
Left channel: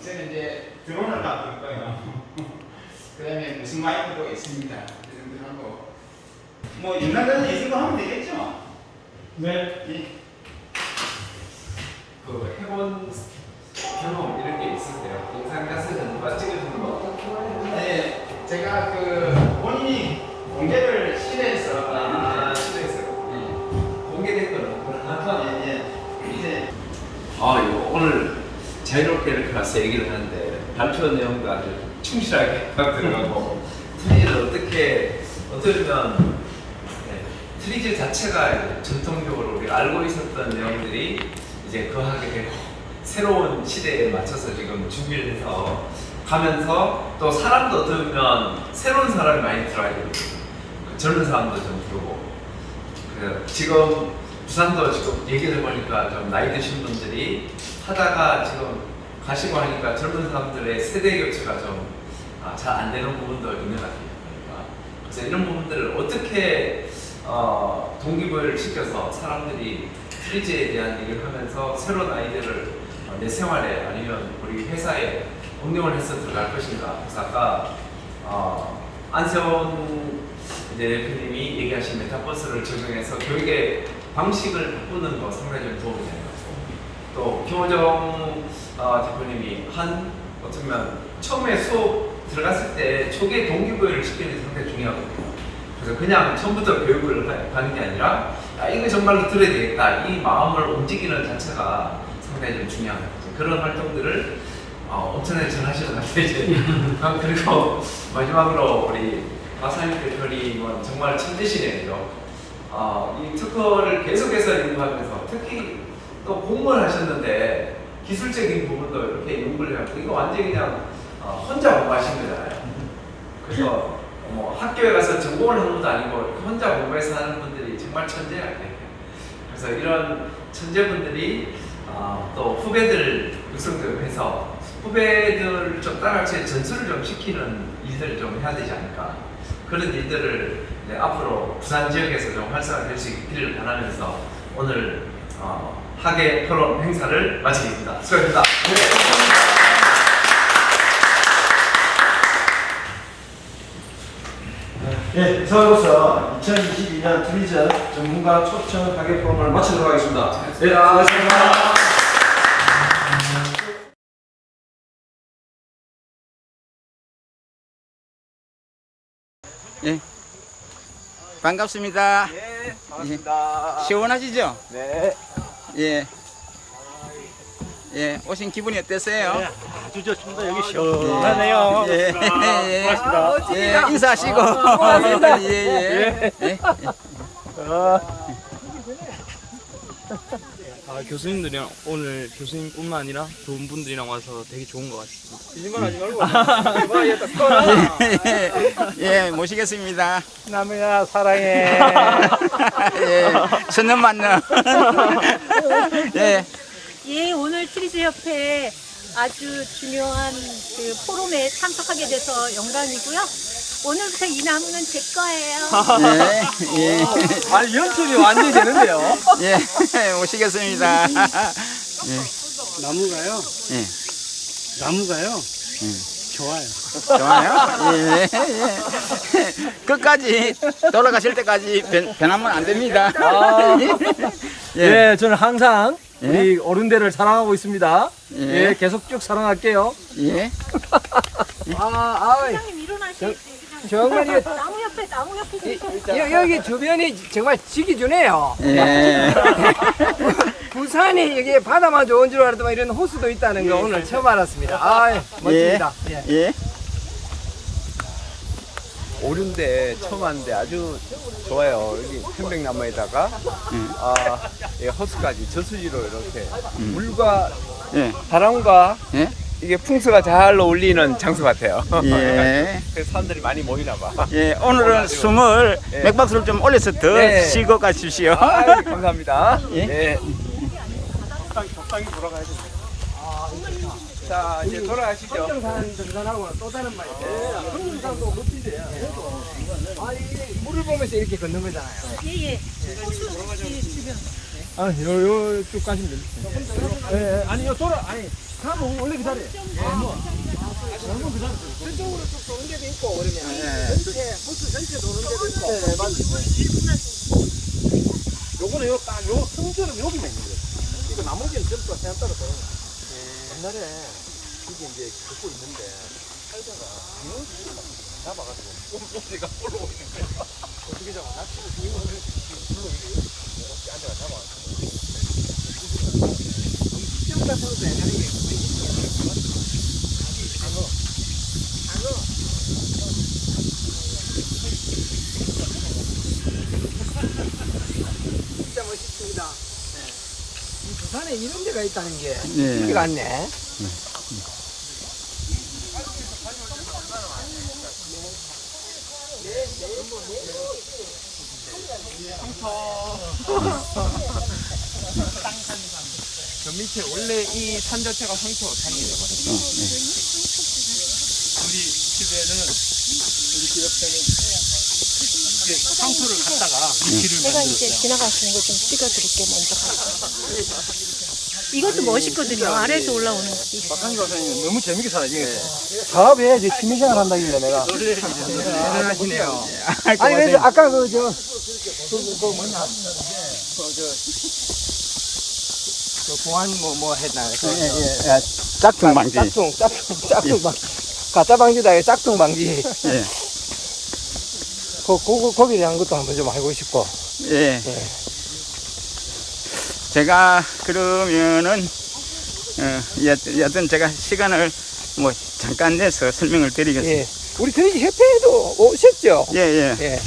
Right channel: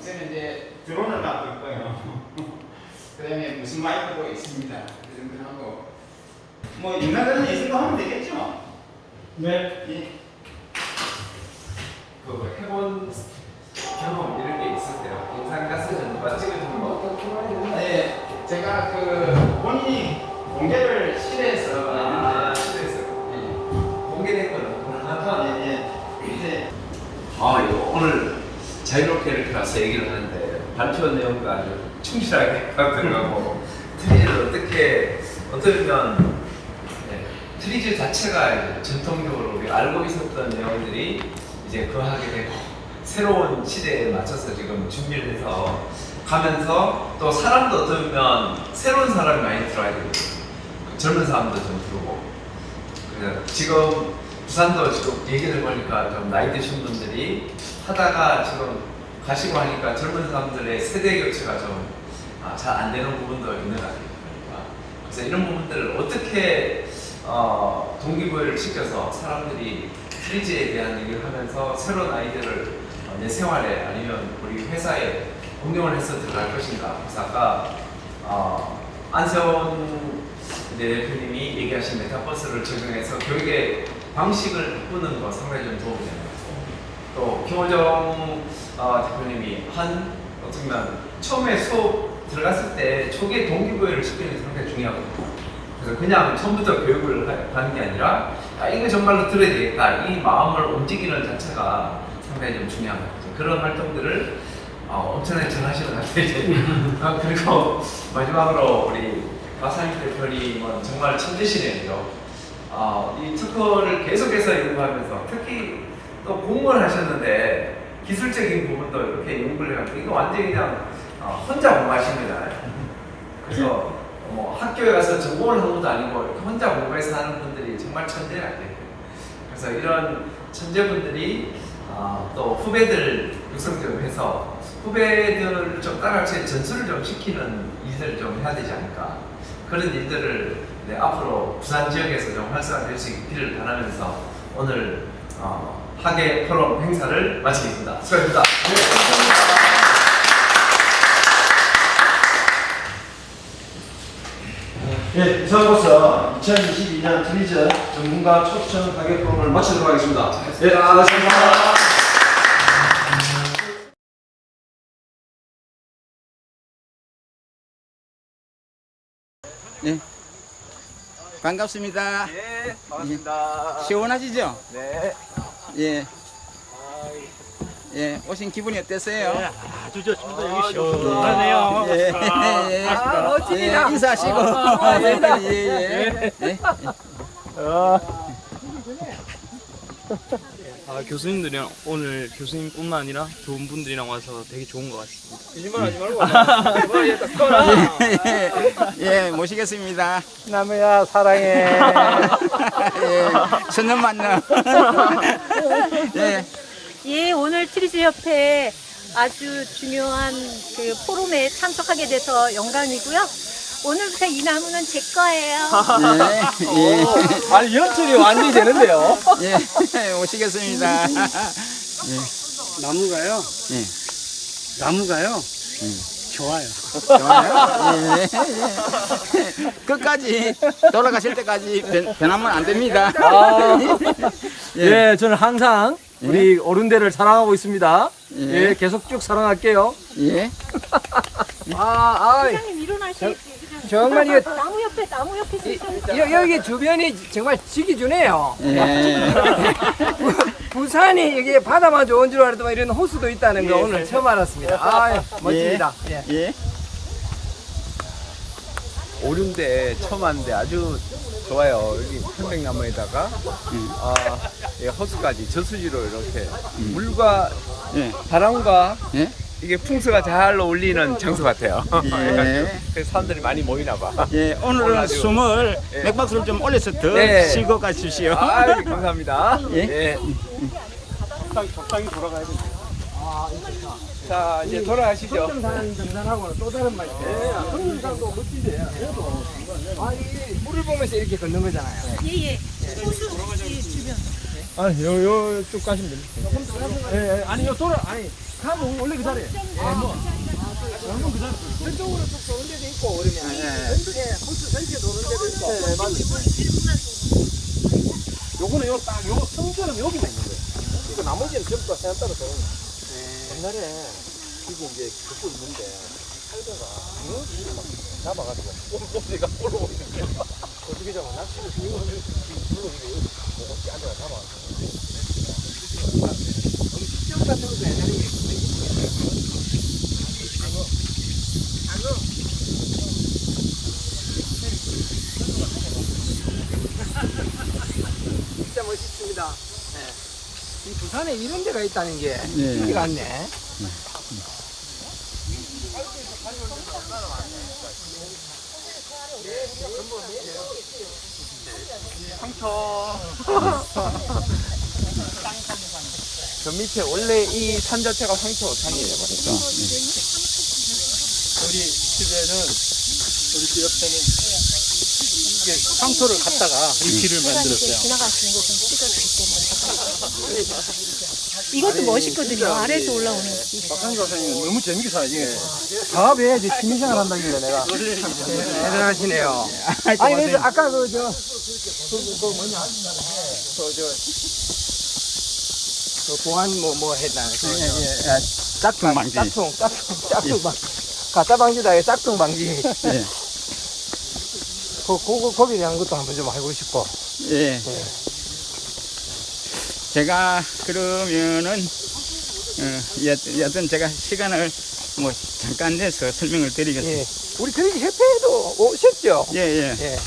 저는 이제 드론을 갖고 있고요. 그 다음에 무슨 마이크도 있습니다. 그 정도 하고 뭐 인간들은 이 정도 하면 되겠죠? 네. 그 해본 경험 이런 게 있었대요. 영상 자체는 누가 찍어준 거. 네, 제가 그 본인이 공개를 실내에서 실내에서 공개됐거든. 이제 이거 오늘 자유롭게 이렇게 와서 얘기를 하는데 발표 내용도 아주 충실하게 들어가고 트리즈를 어떻게 보면 트리즈 자체가 이제 전통적으로 우리가 알고 있었던 내용들이 이제 거하게 되고 새로운 시대에 맞춰서 지금 준비를 해서 가면서 또 사람도 어떻게 보면 새로운 사람이 많이 들어와야 되고 젊은 사람도 좀 들어오고 그래서 지금 부산도 지금 얘기를 해보니까 좀 나이 드신 분들이 하다가 지금 가시고 하니까 젊은 사람들의 세대 교체가 좀 잘 안 되는 부분도 있는 것 같아요. 그래서 이런 부분들을 어떻게 동기부여를 시켜서 사람들이 트리즈에 대한 얘기를 하면서 새로운 아이디어를 내 생활에 아니면 우리 회사에 응용을 해서 들어갈 것인가. 그래서 아까 안세원 대표님이 얘기하신 메타버스를 적용해서 교육의 방식을 바꾸는 거 상당히 좀 도움이 되는 것 같고 또 김호정 대표님이 어떻게 보면 처음에 수업 들어갔을 때 초기에 동기부여를 시키는 게 상당히 중요하거든요. 그래서 그냥 처음부터 교육을 하는 게 아니라 이거 정말로 들어야 되겠다 이 마음을 움직이는 자체가 상당히 좀 중요한 것 같아요. 그런 활동들을 엄청나게 잘 하시는 것 같아요. 그리고 마지막으로 우리 마사임 대표님은 정말 천재시네요. 이 특허를 계속해서 연구하면서 특히 또 공무원을 하셨는데 기술적인 부분도 이렇게 연구를 해가지고 이거 완전히 그냥 혼자 공부하신 거잖아요. 그래서 뭐 학교에 가서 전공을 한 것도 아니고 이렇게 혼자 공부해서 하는 분들이 정말 천재라고 해요. 그래서 이런 천재분들이 또 후배들 육성 좀 해서 후배들을 좀 따라같이 전수를 좀 시키는 일들을 좀 해야 되지 않을까. 그런 일들을 앞으로 부산 지역에서 좀 활성화될 수 있기를 바라면서 오늘 학예 포럼 행사를 마치겠습니다. 수고하셨습니다. 예, 이상으로서 2022년 트리저 전문가 초청 가격 포럼을 마치도록 하겠습니다. 예, 수고하셨습니다. 예. 반갑습니다. 네, 반갑습니다. 시원하시죠? 네. 예. 예, 오신 기분이 어땠어요? 네, 아주 좋습니다. 여기 시원하네요. 예. 예. 멋집니다. 예, 인사하시고. 고맙습니다. 예, 예. 예. 교수님들이랑 오늘 교수님뿐만 아니라 좋은 분들이랑 와서 되게 좋은 것 같습니다. 예, 모시겠습니다. 남해야 사랑해. 예, 천년 만년. 예. 예, 오늘 트리즈 협회 아주 중요한 그 포럼에 참석하게 돼서 영광이고요. 오늘부터 이 나무는 제 거예요. 예, 예. 아, 연출이 완전히 되는데요. 예, 모시겠습니다. 예, 나무가요. 예, 나무가요. 좋아요. 좋아요. 예, 예. 끝까지 돌아가실 때까지 변하면 안 됩니다. 예, 저는 항상 우리 어른들을 사랑하고 있습니다. 예. 예, 계속 쭉 사랑할게요. 예. 정말 이거 나무 옆에 여기 주변이 정말 지기 주네요. 예. 부산이 여기 바다만 좋은 줄 알았더만 이런 호수도 있다는 거 오늘 처음 알았습니다. 아, 멋집니다. 예. 예. 오륜데 처음 왔는데 아주 좋아요. 여기 편백나무에다가 이 호수까지 저수지로 이렇게 물과 예. 바람과 예. 이게 풍수가 잘 어울리는 장소 같아요. 예. 그래서 사람들이 많이 모이나 봐. 예, 오늘은 아주- 숨을 예. 맥박수를 좀 올려서 더 네. 쉬고 가십시오. 아, 감사합니다. 예. 네. 자, 이제 돌아가시죠. 성정산 등산하고는 또 다른 맛이 있어요. 성정산도 멋진데요. 아, 이게 물을 보면서 이렇게 걷는 거잖아요. 예예. 주변. 쭉 가시면 됩니다. 예, 아니요, 아니, 가고 원래 그 자리에. 저쪽으로 쭉 도는 데도 있고 그러면 전체 호수 전체 도는 데도 있고. 네, 맞아요. 요거는 요 성전은 여기만 있는 거예요. 이거 나머지는 전부 다 해안가로 돼요. 옛날에 이게 이제 그거 있는데 살다가 잡아가지고 꼼꼼이가 올라오고 있는 거야. 어떻게 잡아? 마치고 이거 이게 이렇게 앉아가 잡아. 너무 식당 같은 것도 옛날에 진짜 멋있습니다. 이 부산에 이런 데가 있다는 게 네. 신기가 않네. 저 밑에 원래 이 산 자체가 황토 산이에요. 우리 집에는 우리 집 옆에는 이렇게 황토를 갖다가 물길을 만들었어요. 지나가시는 거 좀 찍어드릴게요. 이것도 멋있거든요. 아래에서 올라오는 게. 박한기 박사님 너무 재밌게 살아요. 사업해야지 취미생활 한다길래 내가. 대단하시네요. 아니 그래서 아까 그 보안 뭐 했나? 짝퉁 방지. 짝퉁 방지. 가짜 방지다. 이거 짝퉁 방지. 예. 거기에 대한 것도 한번 좀 알고 싶고. 예. 제가 그러면은 여튼 제가 시간을 뭐 잠깐 내서 설명을 드리겠습니다. 예. 우리 트리지 협회에도 오셨죠? 예, 예. 예.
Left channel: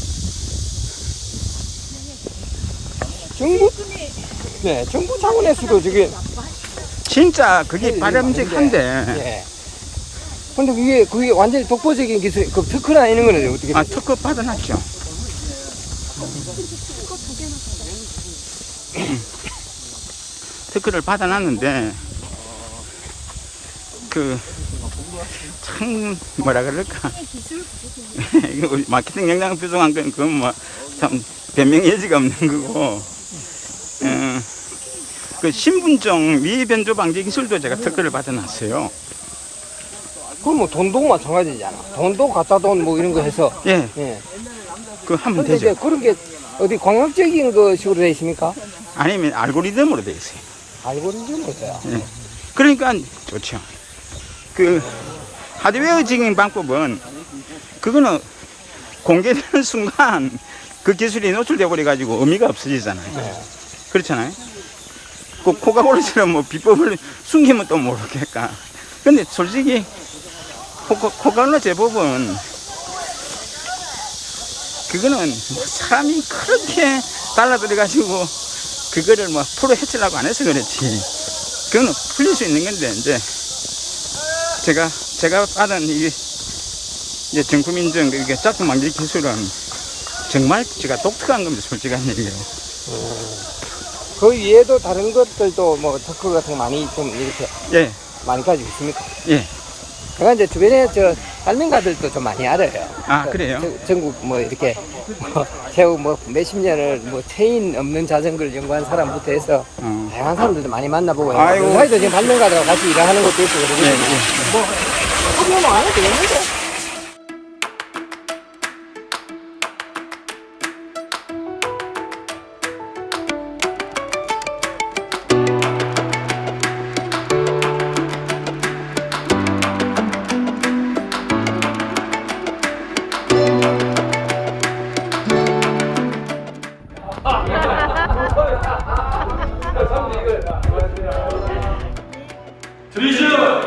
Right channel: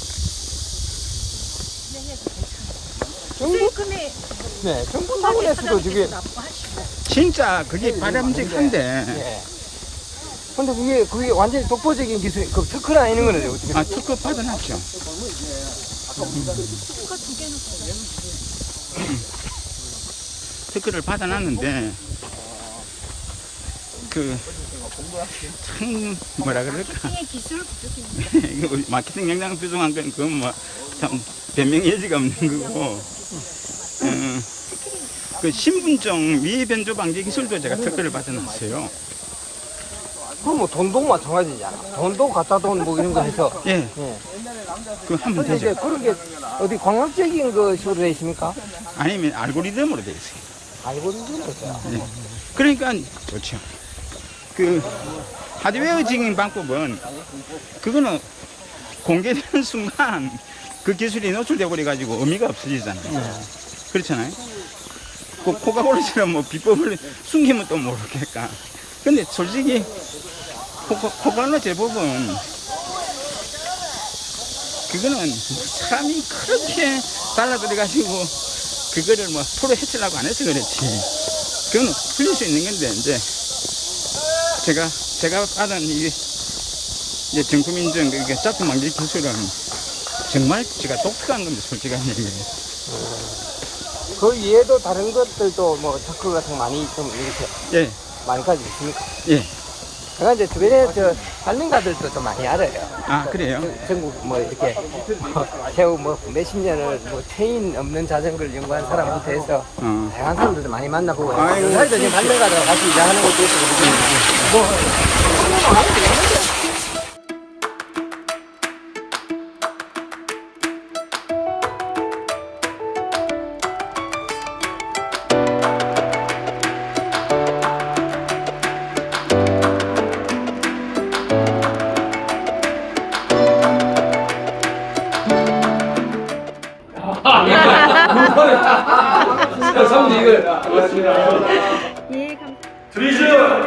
세금에 네, 정부에서도 저게 진짜 그게 바람직한데 예. 근데 그게 완전히 독보적인 기술, 그 특허나 이런 거는 어떻게? 특허 받아놨죠. 특허를 받아놨는데 그 참 뭐라 그럴까 기술 부족입니다. 이거 마케팅 역량 부족한 건 그건 뭐 참 변명 여지가 없는 거고 그 신분증 미변조 방지 기술도 제가 특허를 받아놨어요. 그럼 뭐 돈도 마찬가지잖아. 돈도 가짜 돈 뭐 이런 거 해서. 예, 예. 그거 하면 근데 이제 되죠. 그런 게 어디 광학적인 것으로 되어 있습니까? 아니면 알고리즘으로 되어 있어요. 알고리즘이 있어요. 그러니까 그렇죠. 그 하드웨어적인 방법은 그거는 공개되는 순간 그 기술이 노출돼 버려 가지고 의미가 없어지잖아요. 그렇잖아요. 그 코카콜라처럼 뭐 비법을 숨기면 또 모르겠다. 근데 솔직히 코카콜라 제법은 그거는 뭐 사람이 그렇게 달라들어 가지고 그거를 뭐 프로 해치려고 안 해서 그렇지. 그거는 풀릴 수 있는 건데 이제 제가 받은 이제 정품인증 이게 짝퉁 방지 기술은 정말 제가 독특한 겁니다. 솔직한 얘기예요. 그 외에도 다른 것들도 뭐 특허 같은 거 많이 좀 이렇게 예, 많이 가지고 있습니까? 예. 제가 이제 주변에 저 발명가들도 좀 많이 알아요. 아, 그래요? 전국 뭐 이렇게 세우 뭐 몇십 년을 뭐 체인 없는 자전거를 연구한 사람부터 해서 다양한 사람들도 많이 만나보고 아이고. 요사이도 지금 발명가들과 같이 일하는 것도 있고 그러거든요. 트리저